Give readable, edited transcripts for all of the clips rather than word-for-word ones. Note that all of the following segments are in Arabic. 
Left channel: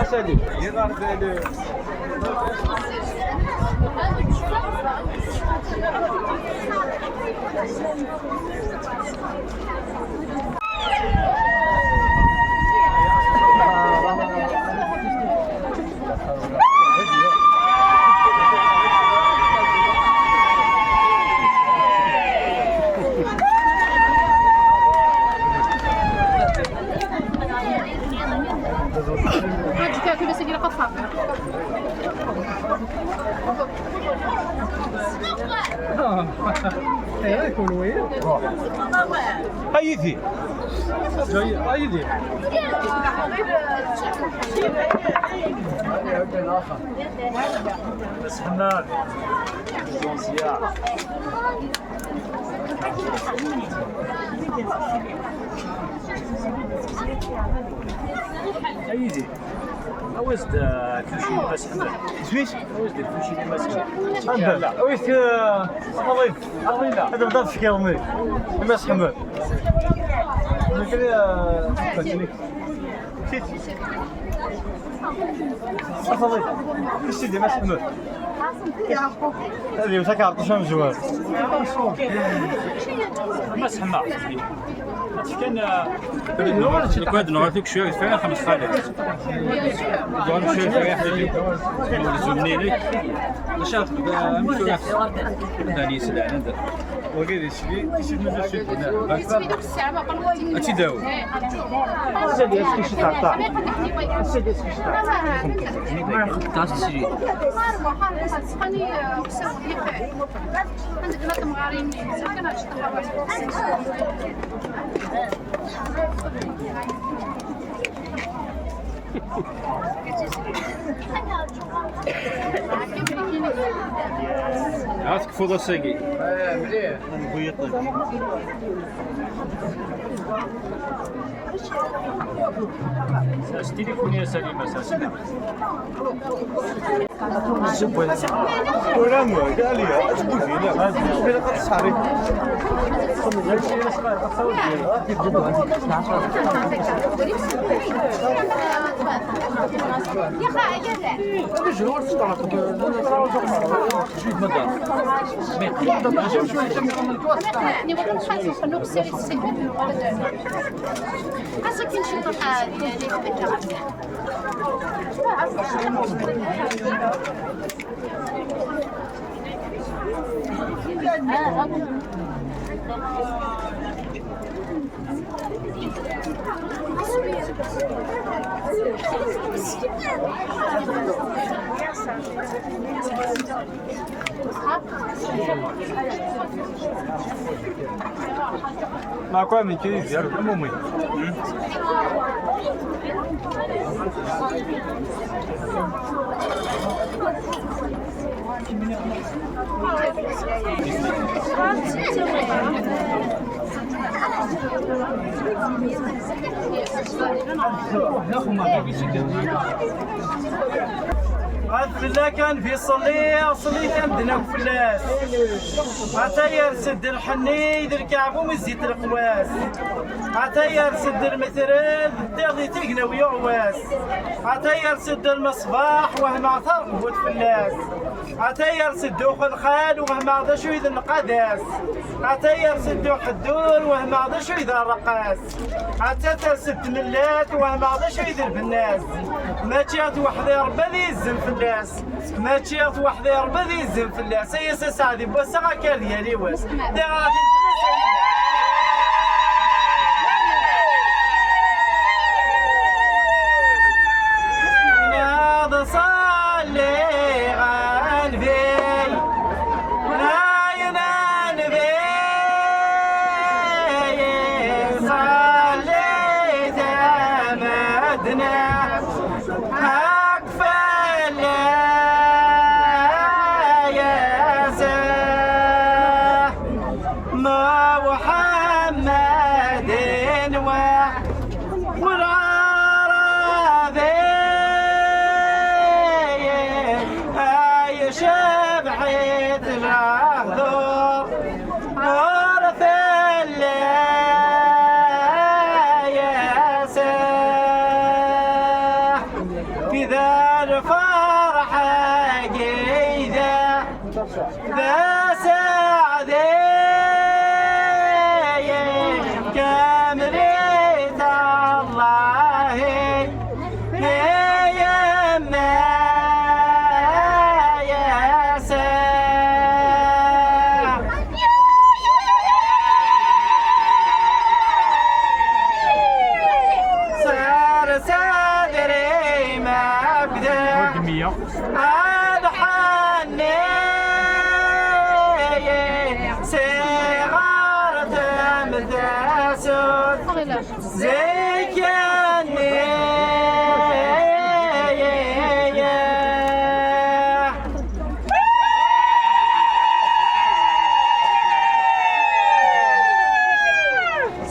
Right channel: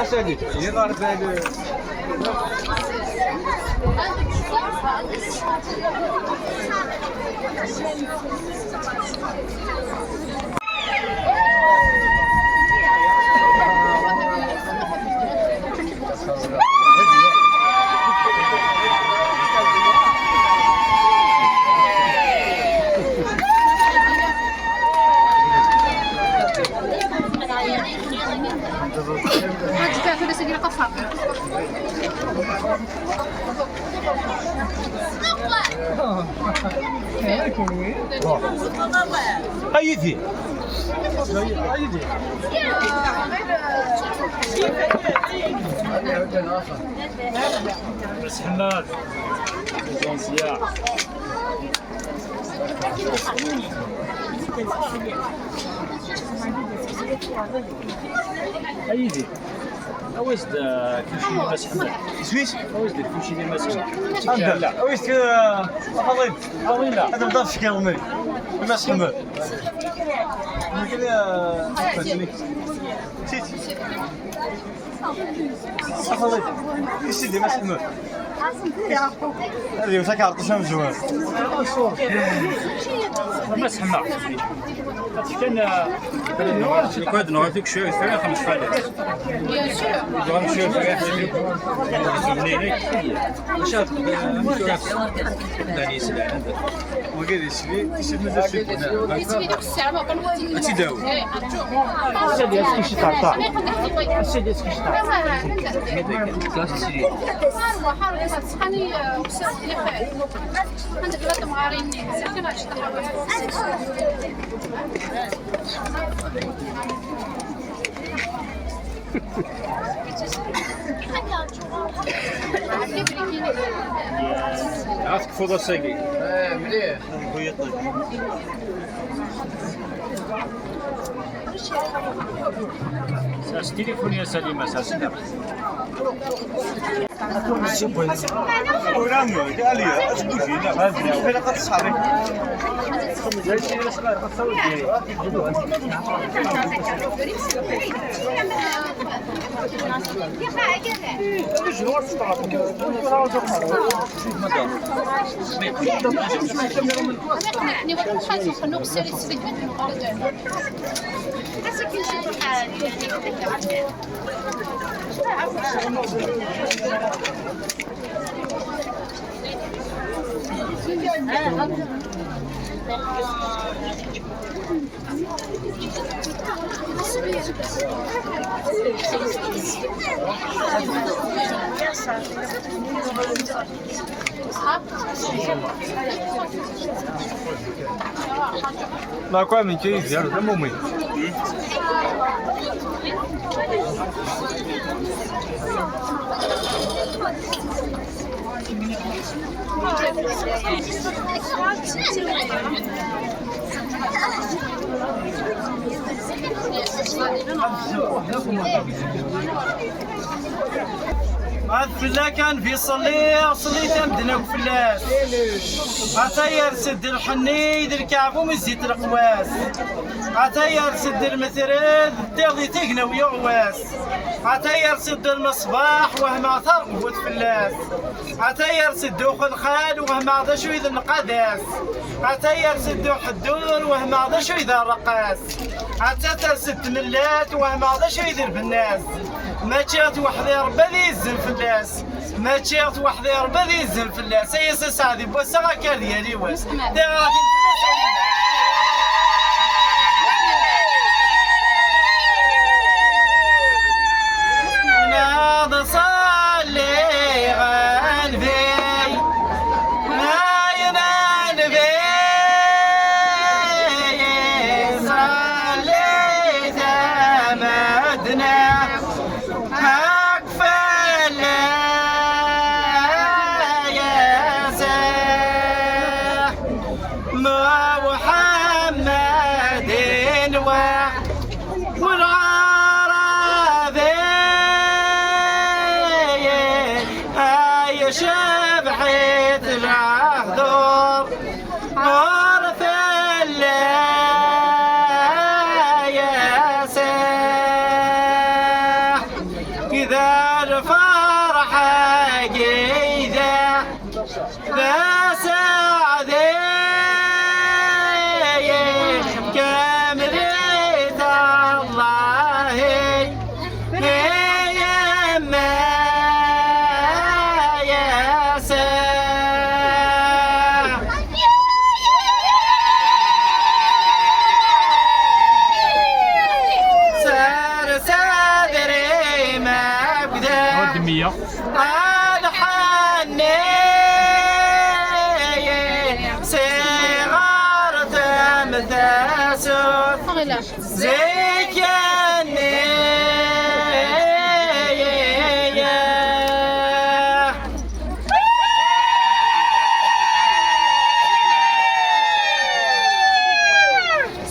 Aşağıda. Yer var böyle. Haydi. Haydi. بس حنا بدون سياح ايدي اويست كلشي بس حنا سويس. اويست كلشي اللي ماشي هذا لا. ويست أخوي. هذا بدأ في كلامي. ما سمع. كذا. سيتي. أخوي. سيدي ما سمع. هذه وتكارت شو مجموع. بس حنا كان الكود نعطيك شويه فيها 5 فائدات دون شويه فيها زمنيني واش غتبدا داني سلعه وقال يشري مازال شي تداوي السيد يسكي شي تعطى السيد يسكي شي عرفتك فوضى ساقي مليح ساس تليفون يا سليمة ساس ورانو قال لي اسبوع هنا فين قصاري ما كان من شيء زيادة مو فلا كان في صلي تمدنا وفلاس عتاير سد الحني ذي الكعب ومزيت القواس عتاير سد المثرد تغذي تقنى ويغواس عتاير سد المصباح وهم عثر قوة فلاس عتاير سدو خلخال وهم عضا شو إذا القداس عتاير سدو حدور وهم عضا شو إذا الرقاس عتاير سد ملات وهم عضا شو إذا البناس ما تشيغت وحدي ربي ذي الزن فلاس ما تشيغت وحدي ربي ذي الزن فلاس أي سعدي بوسا غاكار ديالي واس دي غادي ناض صلي غالبي شبحت العهدور عرف الليل شويه الحني صغار تمتاسون زي كاني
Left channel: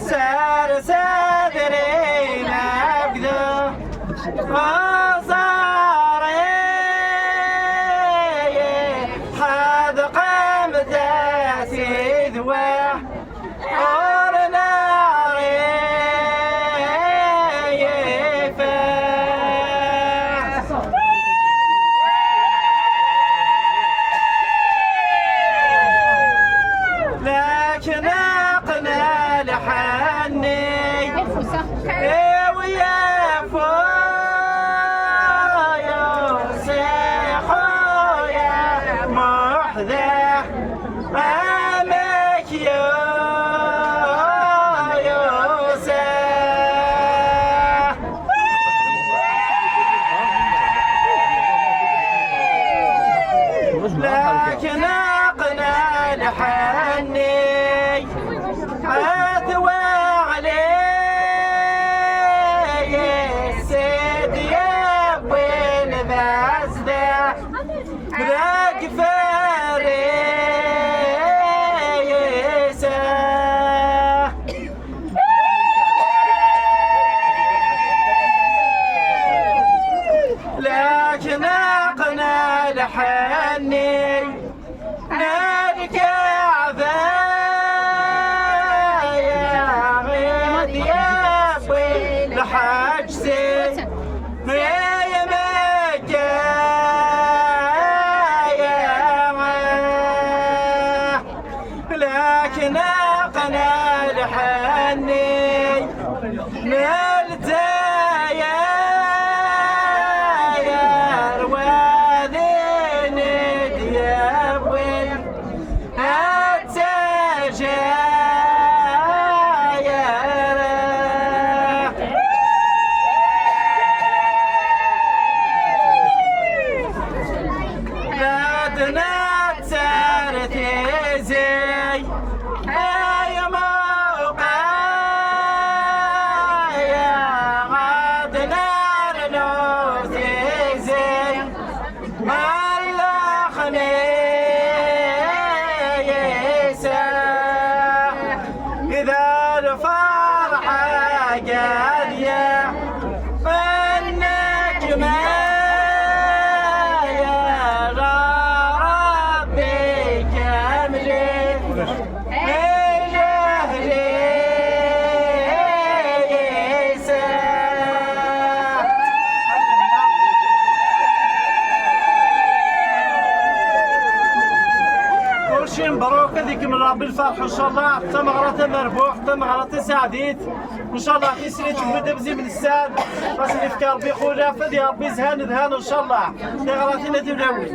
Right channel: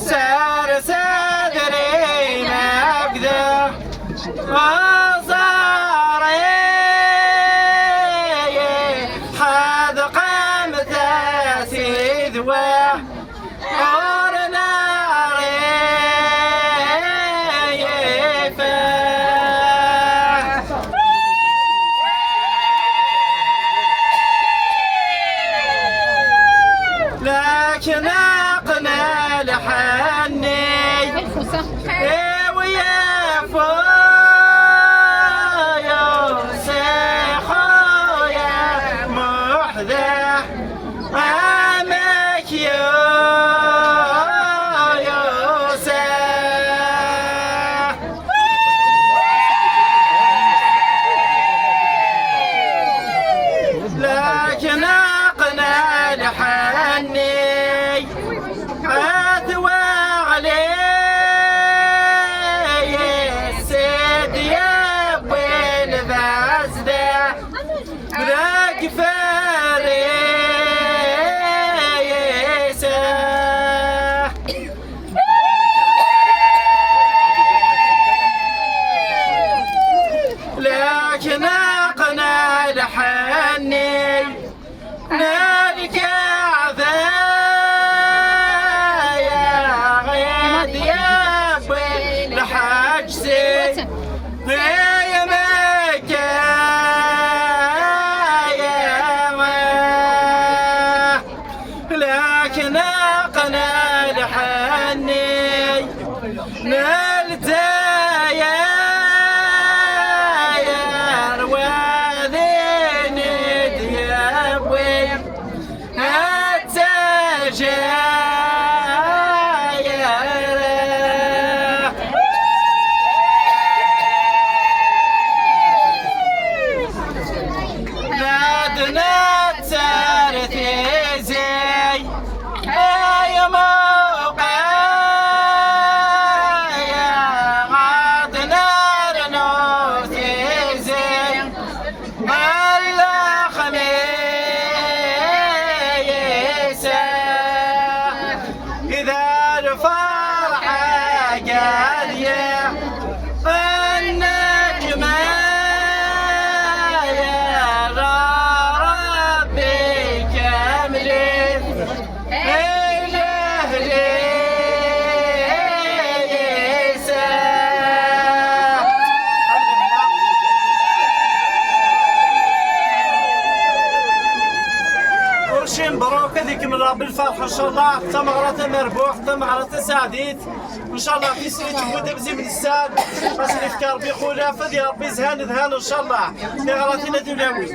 سار صدري نبذه وصاري حد قمت سيدوه أرنا ريفه لكن أقنى لحني ويا فويا سيخويا محذى أمك يا يوسف لكن أقنى لحني أثوى علي السيد يا بين بازده ذاك فريسه لكن أقنى لحني نالك عذايا غيد يا بي لحجسي يا مكة لكن أقنى لحني نالت يا روادين ديابوي نادنا تسارتي زي أي موقع يا غادنا رنوتي زي الله خميسة إذا الفرحة قاضية النجمة مبروك هذيك من رب الفرح ان شاء الله ثمرة مربوح ثمرة سعديت ان شاء الله في سنة تبدا بزي من الساد بس الافكار بخوله فدي ربي زهان ذهان ان شاء الله لغلطي لا تبلاوي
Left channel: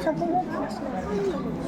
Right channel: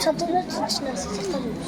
çadırın içine sıkılmış.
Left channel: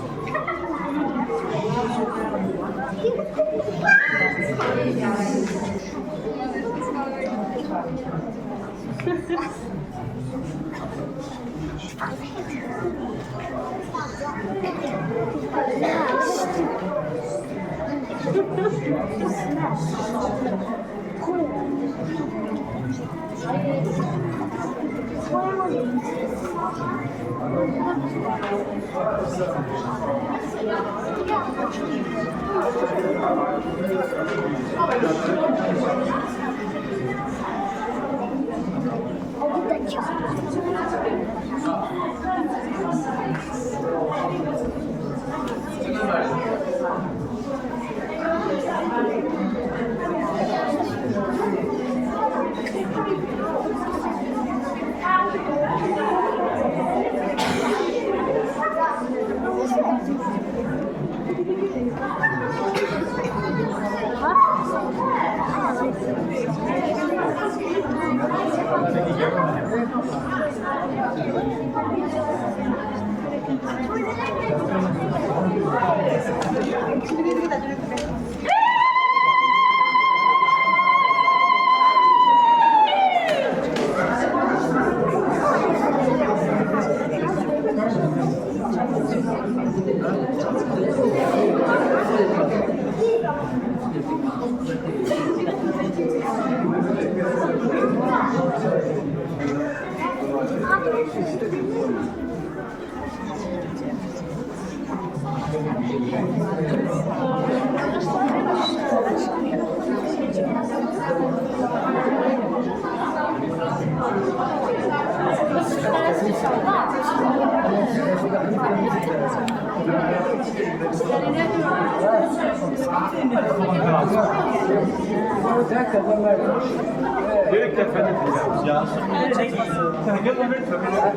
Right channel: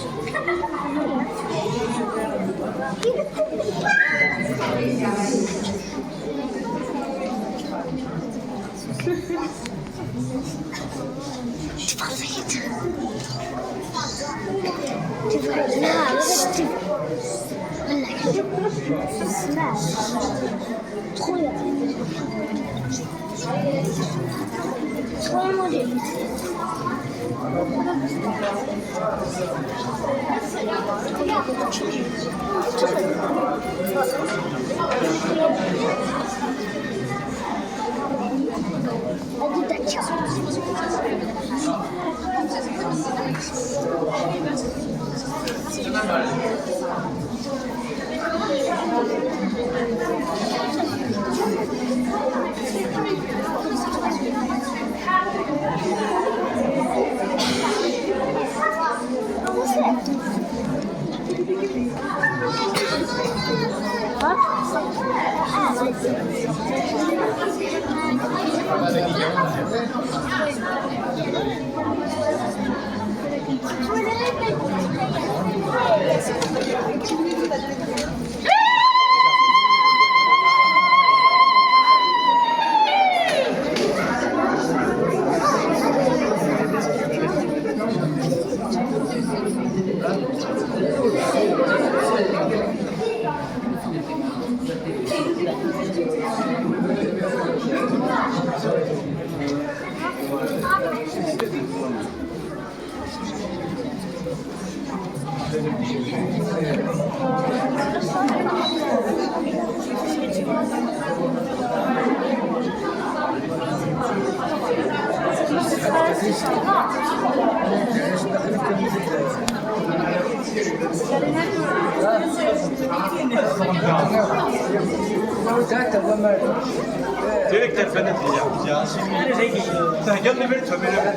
Direkt telefonu diyeceğim. Sen gel de bir tömele.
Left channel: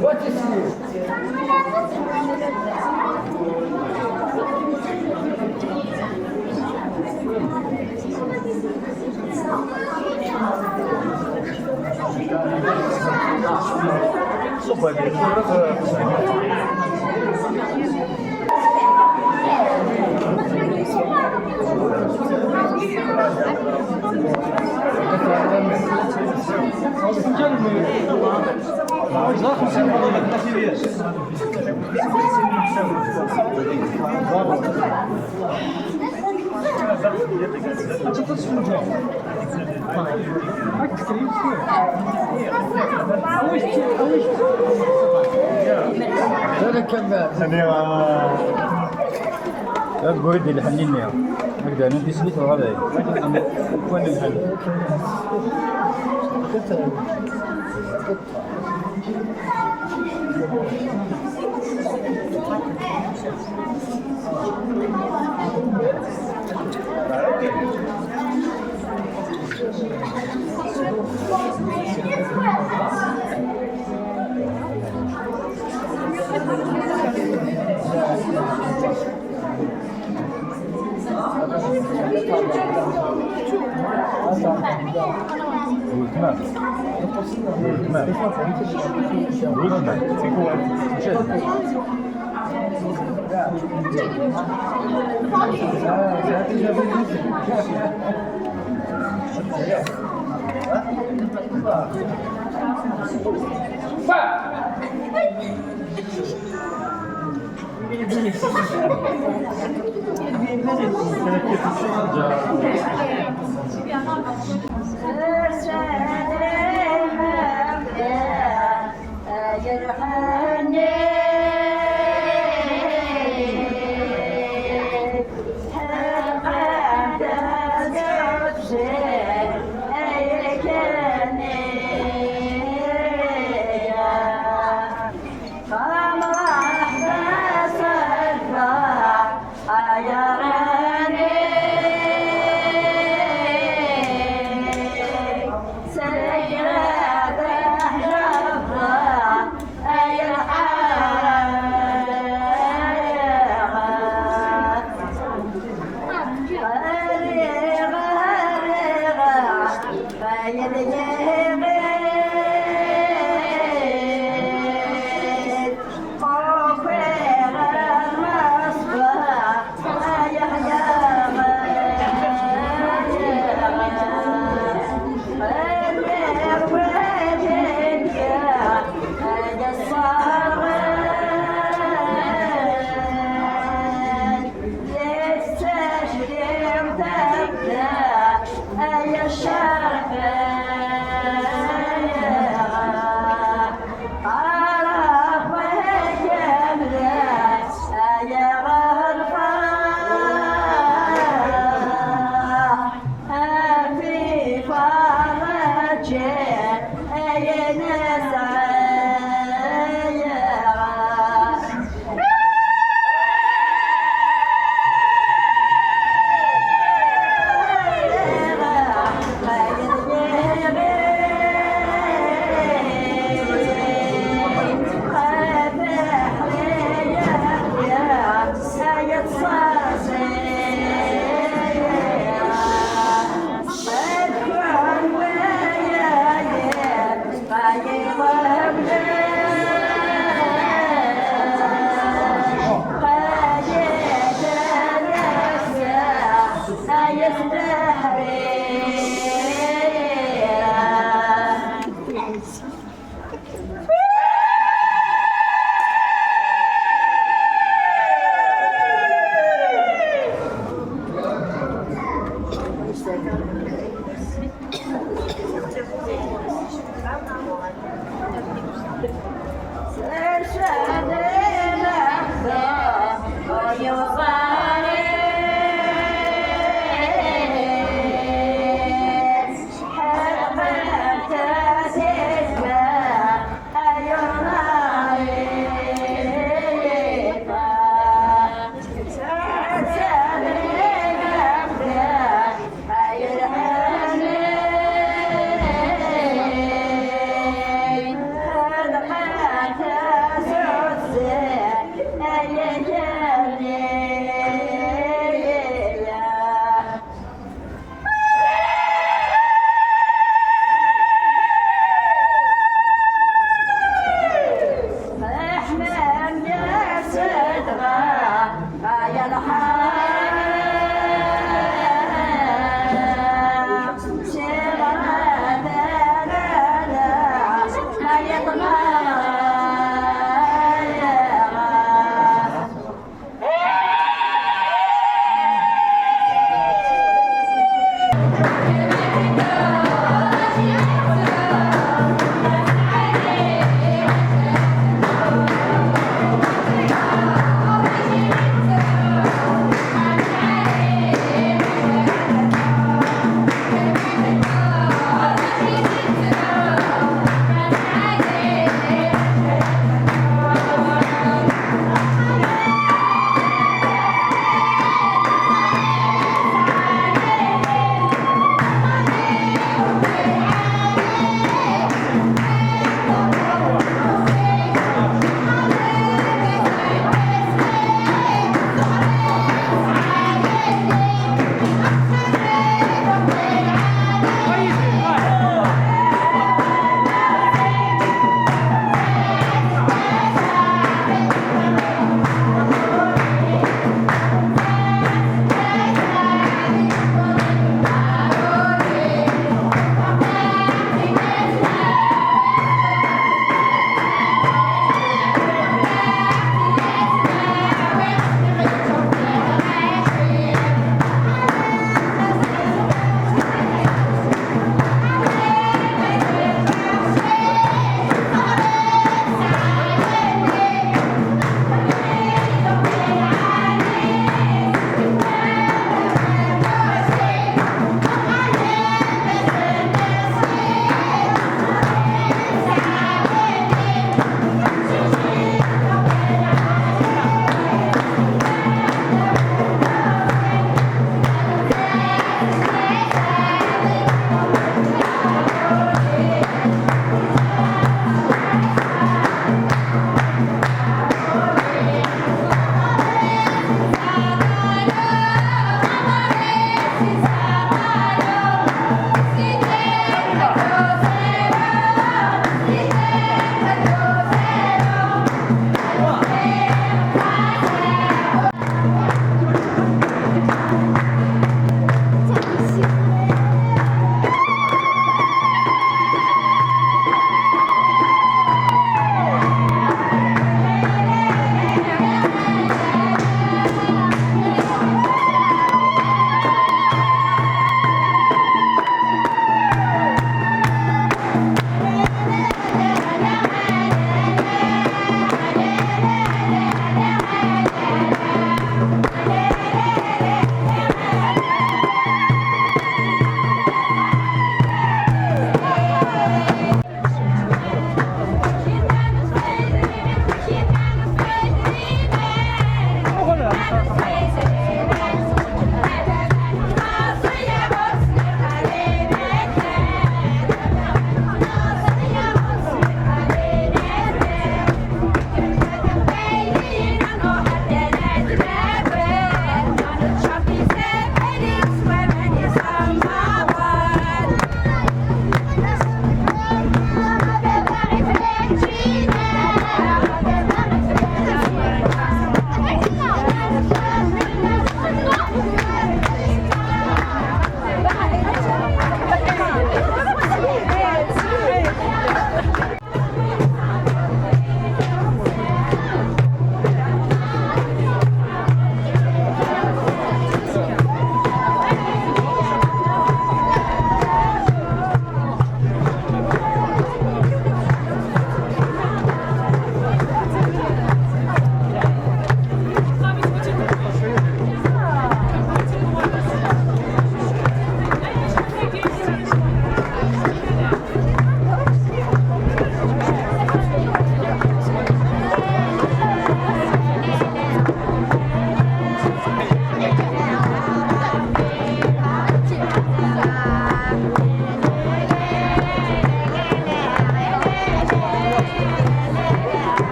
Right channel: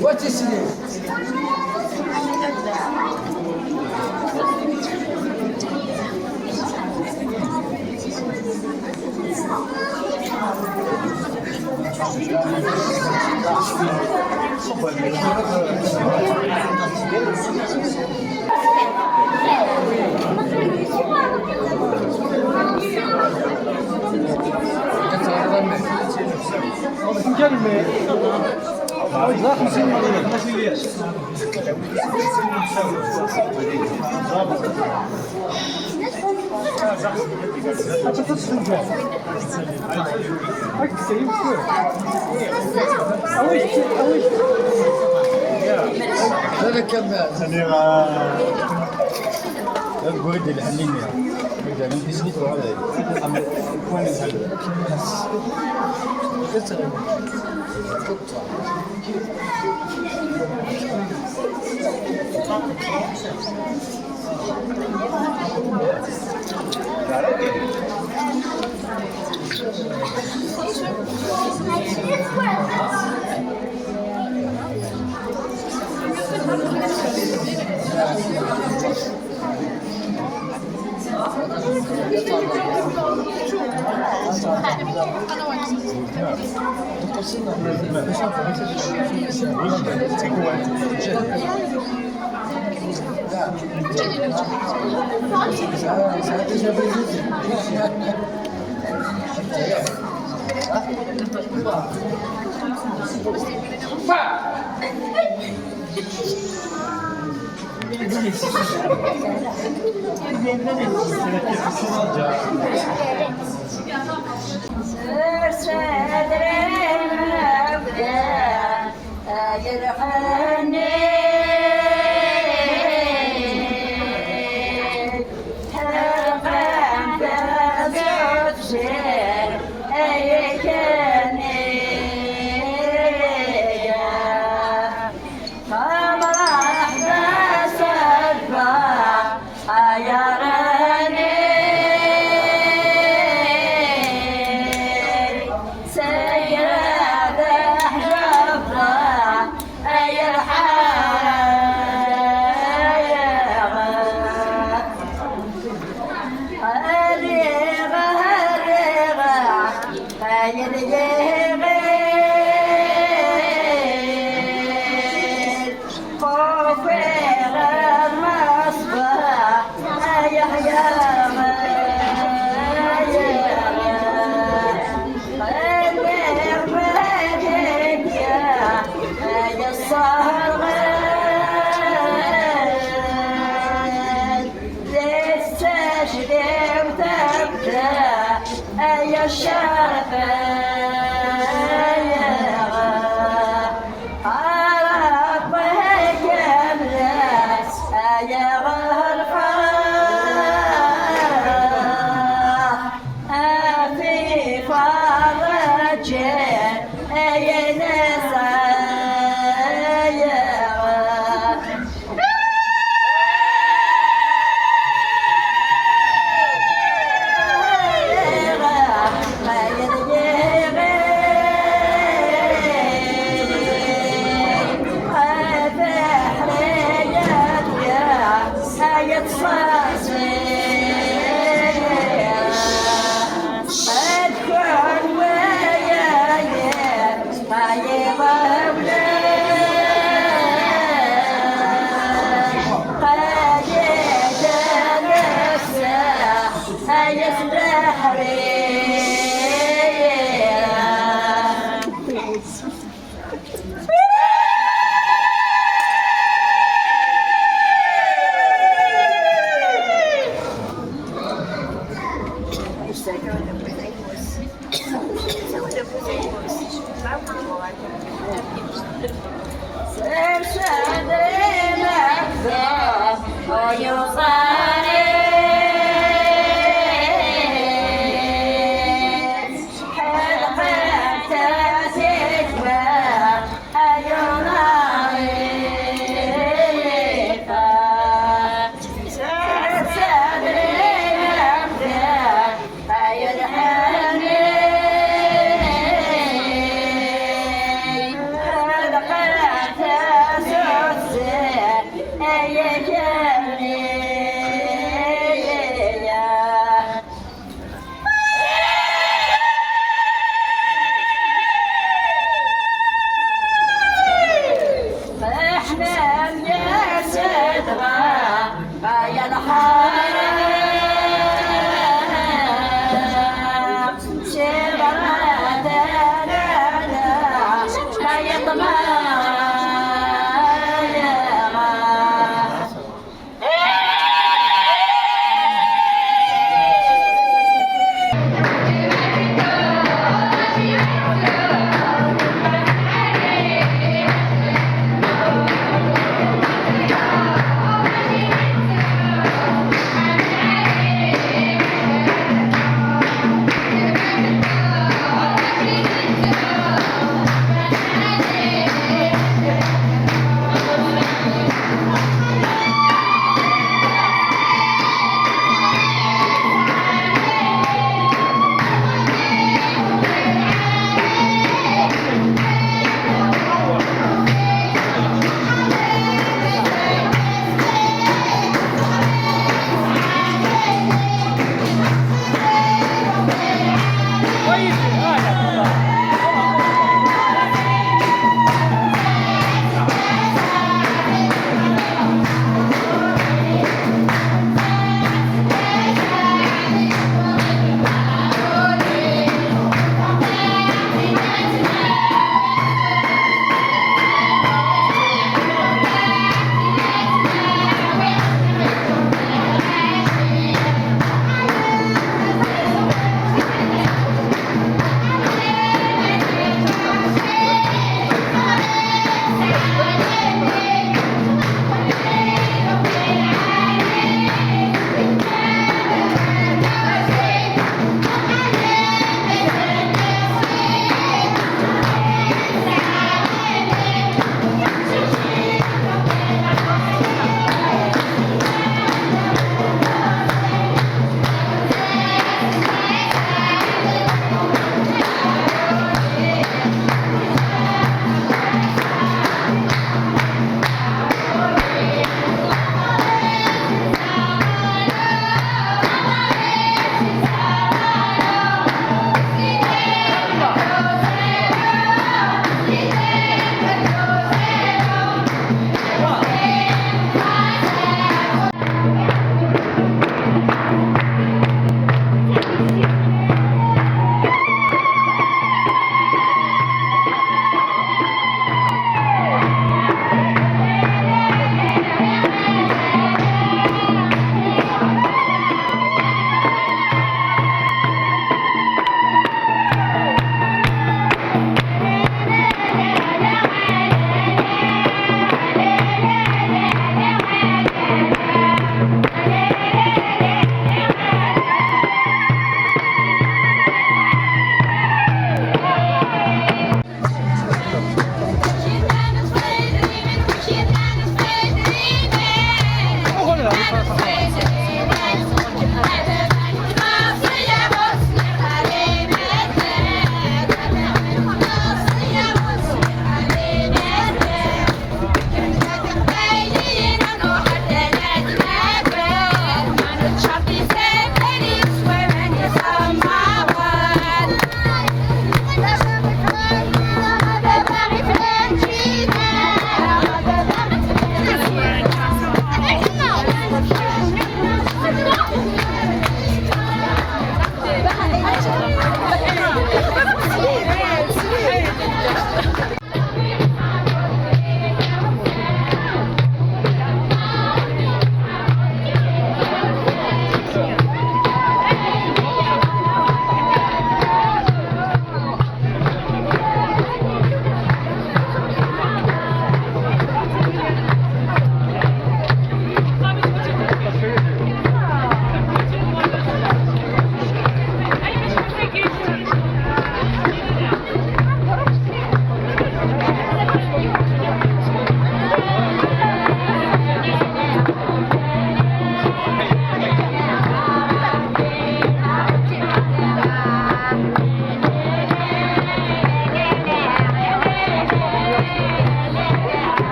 What is it? هذا كذاب. لا بقول لي حليني. بدي أنا في سنة ولا وين الحل؟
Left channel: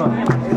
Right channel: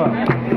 Thank you.